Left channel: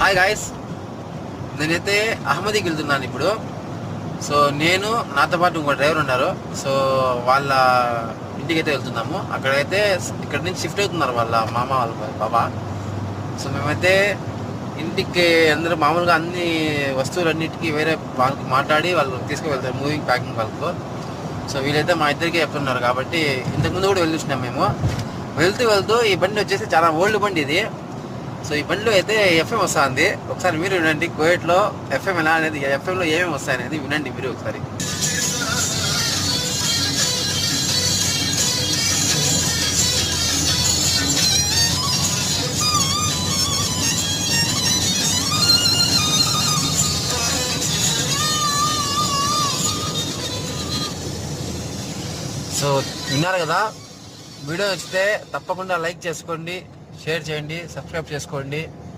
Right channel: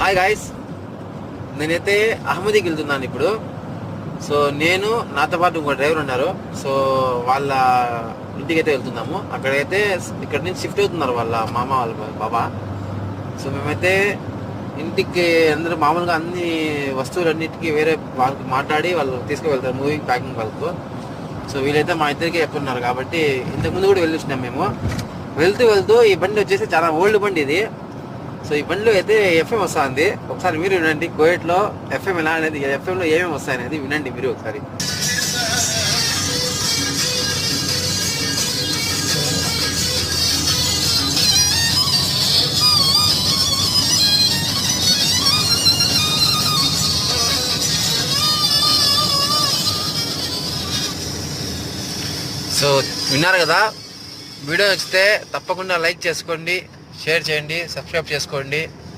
Hi guys, నేనైతే అహ్మదీకి వెళ్తున్నాను ఇప్పుడు. సో నేను నాతో పాటు ఇంకో డ్రైవర్ ఉన్నారు. సో వాళ్ళ ఇంటికి అయితే వెళ్తున్నాము. అక్కడైతే ఇక్కడ నుంచి షిఫ్ట్ అవుతున్నారు వాళ్ళ మామ వాళ్ళ బాబా. సో మేమైతే ఇంటికి అందరూ మామూలుగా అన్ని వస్తువులన్నిటికీ వేరే వాళ్ళకి మాట్లాడి వాళ్ళు తీసుకువెళ్తారు మూవింగ్ ప్యాకింగ్ వాళ్ళకు. సో వీళ్ళైతే మా ఇద్దరికి చెప్తున్నారు కాబట్టి ఇంతకుముందు కూడా వెళ్ళొచ్చినాం మేము. వెళ్తూ ఈ బండి వచ్చేసి చాలా ఓల్డ్ బండి ఇది. సో ఈ బండిలో అయితే ఎఫ్ఎం వస్తుంది. ఒకసారి మీరు వినండి, కోయట్లో ఎఫ్ఎం ఎలా అనేది, ఎఫ్ఎంలో ఏమేమి వస్తాయనేది వినండి మీరు ఒకసారి. సో విన్నారు కదా, వీడియో నచ్చితే తప్పకుండా లైక్ చేసుకోండి, షేర్ చేయండి, సబ్స్క్రైబ్ చేసుకోండి.